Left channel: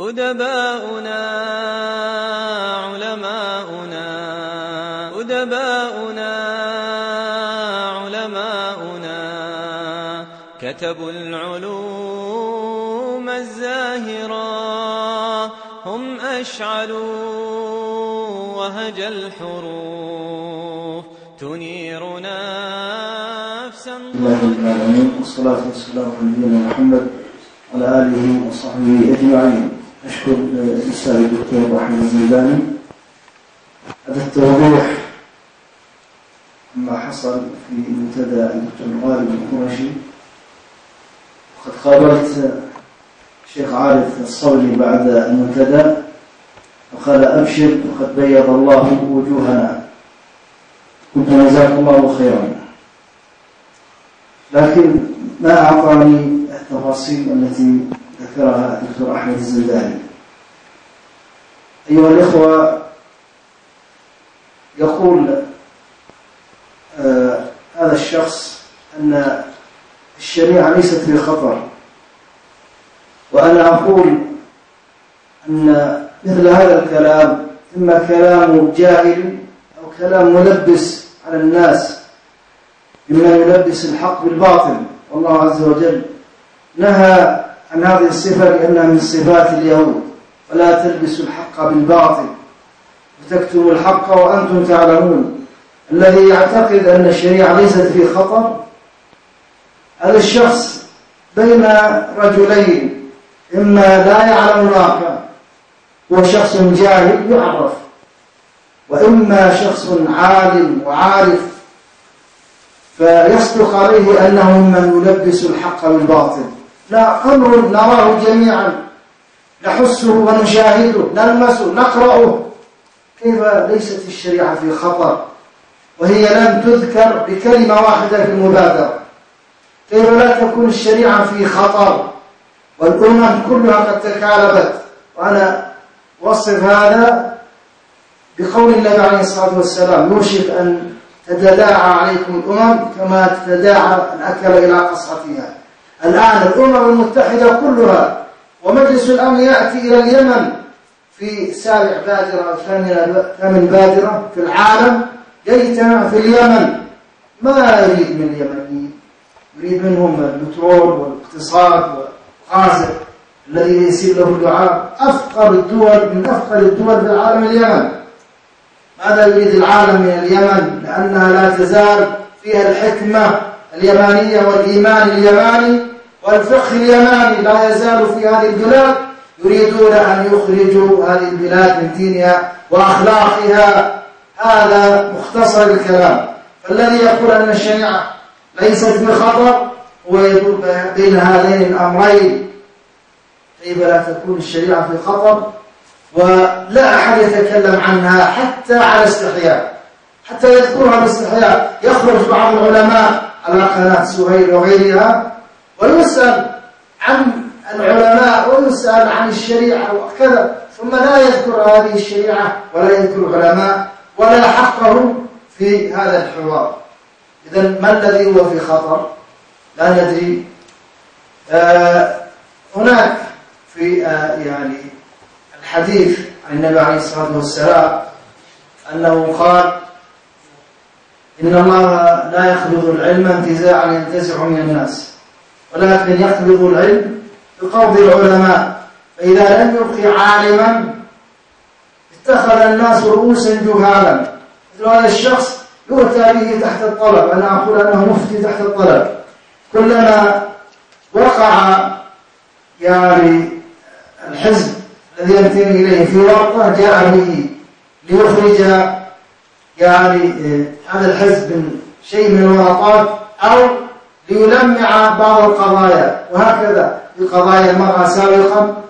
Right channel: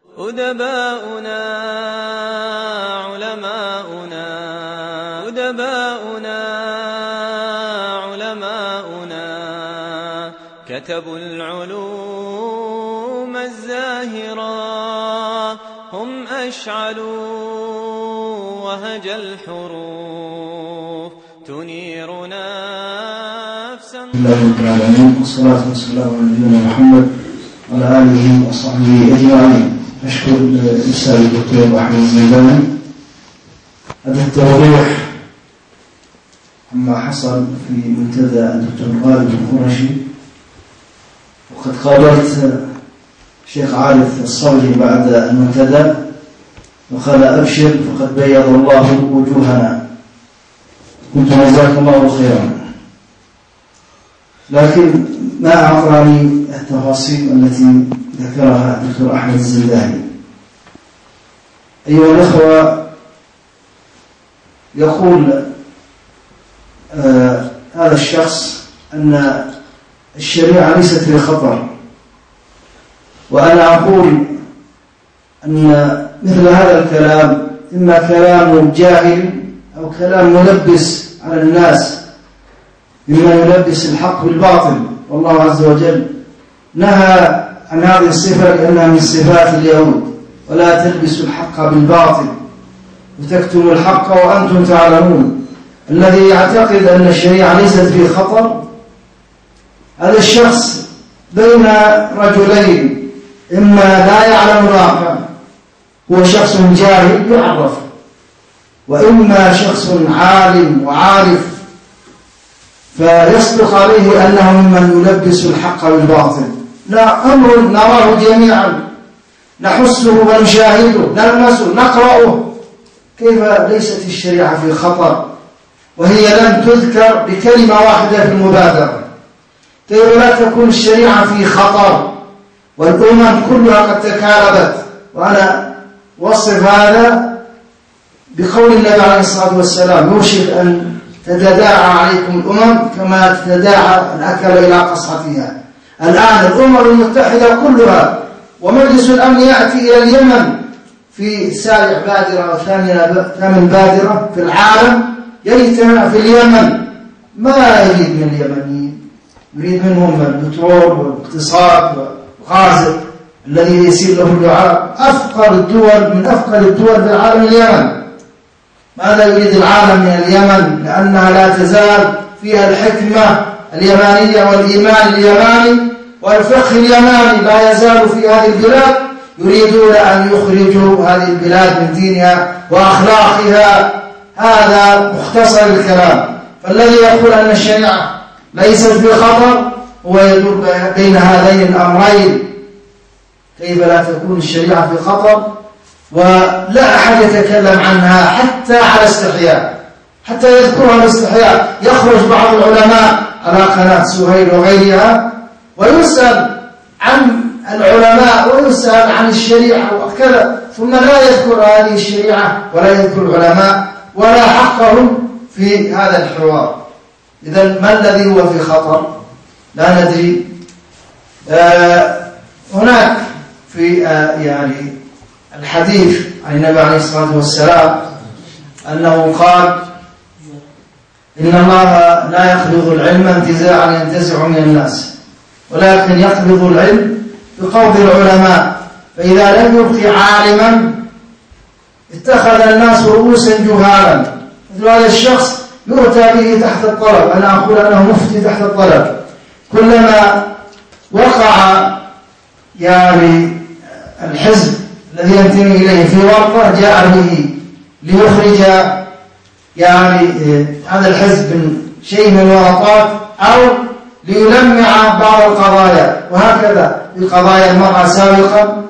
أدباؤنا علماؤنا كتبوا العلوم الزاهرة، هم أشعلوا وهج الحروف تنير نفسا. الله رب العالمين، والصلاة والسلام على نبينا محمد وعلى آله وصحبه أجمعين. نشكر الأستاذ الدكتور أحمد الزيداني هذا التوضيح عما حصل في منتدى الدكتور غالب القرشي. وقد قابلت الشيخ عارف الصبري بعد المنتدى وقال أبشر فقد بيض الله وجوهنا، قلت جزاك الله خيرا، لكن ما أعطاني التفاصيل التي ذكرها الدكتور أحمد الزيداني. أيها الأخوة، يقول هذا الشخص أن الشريعة ليست في خطر، وأنا أقول أن مثل هذا الكلام إما كلام جاهل أو كلام ملبس على الناس بما يلبس الحق بالباطل. والله عز وجل نهى عن هذه الصفة لأنها من صفات اليهود: ولا تلبسوا الحق بالباطل وتكتموا الحق وأنتم تعلمون. الذي يعتقد أن الشريعة ليست في خطر هذا الشخص بين رجلين: إما لا يعلم الآخر، هو شخص جاهل يعرف، وإما شخص عالم وعارف فيصدق عليه أنه ممن يلبس الحق بالباطل. لا، أمر نراه جميعا، نحسه ونشاهده، نلمسه، نقرأه. كيف ليست الشريعة في خطر وهي لم تذكر بكلمة واحدة في المبادرة؟ كيف لا تكون الشريعة في خطر والأمم كلها قد تكالبت؟ وأنا أوصف هذا بقول النبي عليه الصلاة والسلام: يوشك أن تتداعى عليكم الأمم كما تتداعى الأكل إلى قصعتها. الآن الأمم المتحدة كلها ومجلس الأمن يأتي إلى اليمن في سابع بادرة أو ثامن بادرة في العالم، يجتمع في اليمن. ما يريد من اليمنيين؟ يريد منهم البترول والاقتصاد والغاز الذي يسير له الدعاء. أفقر الدول من أفقر الدول في العالم اليمن. ماذا يريد العالم من اليمن؟ لأنها لا تزال فيها الحكمة اليمانية والإيمان اليماني والفقه اليماني لا يزال في هذه البلاد. يريدون أن يخرجوا هذه البلاد من دينها وأخلاقها. هذا مختصر الكلام. فالذي يقول أن الشريعة ليست في خطر هو يدور بين هذين الأمرين. كيف لا تكون الشريعة في خطر ولا أحد يتكلم عنها حتى على استحياء، حتى يذكرها باستحياء؟ يخرج بعض العلماء على قناة سهيل وغيرها ويسأل عن العلماء ويسأل عن الشريعة وكذا، ثم لا يذكر هذه الشريعة ولا يذكر العلماء ولا حقهم في هذا الحوار. إذن ما الذي هو في خطر؟ لا ندري. هناك في يعني الحديث عن النبي عليه الصلاة والسلام أنه قال: إن الله لا يقبض العلم انتزاعا ينتزع من الناس، ولكن يقبض العلم بقبض العلماء، فإذا لم يبق عالما اتخذ الناس رؤوسا جهالا. مثل هذا الشخص يؤتى به تحت الطلب. أنا أقول أنه مفتي تحت الطلب. كلما وقع يعني الحزب الذي ينتمي إليه في ورطة جاء به ليخرج يعني هذا الحزب من شيء من الورطات أو ليلمع بعض القضايا، وهكذا في قضايا المرأة سابقا،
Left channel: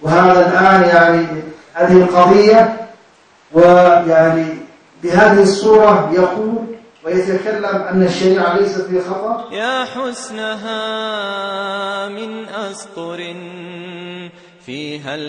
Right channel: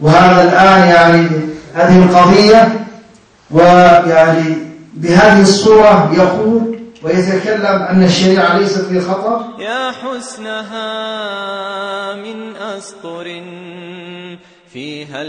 وهذا الآن يعني هذه القضية، ويعني بهذه الصورة يقول ويتكلم أن الشريعة ليست في خطر. يا حسنها من أسطر فيها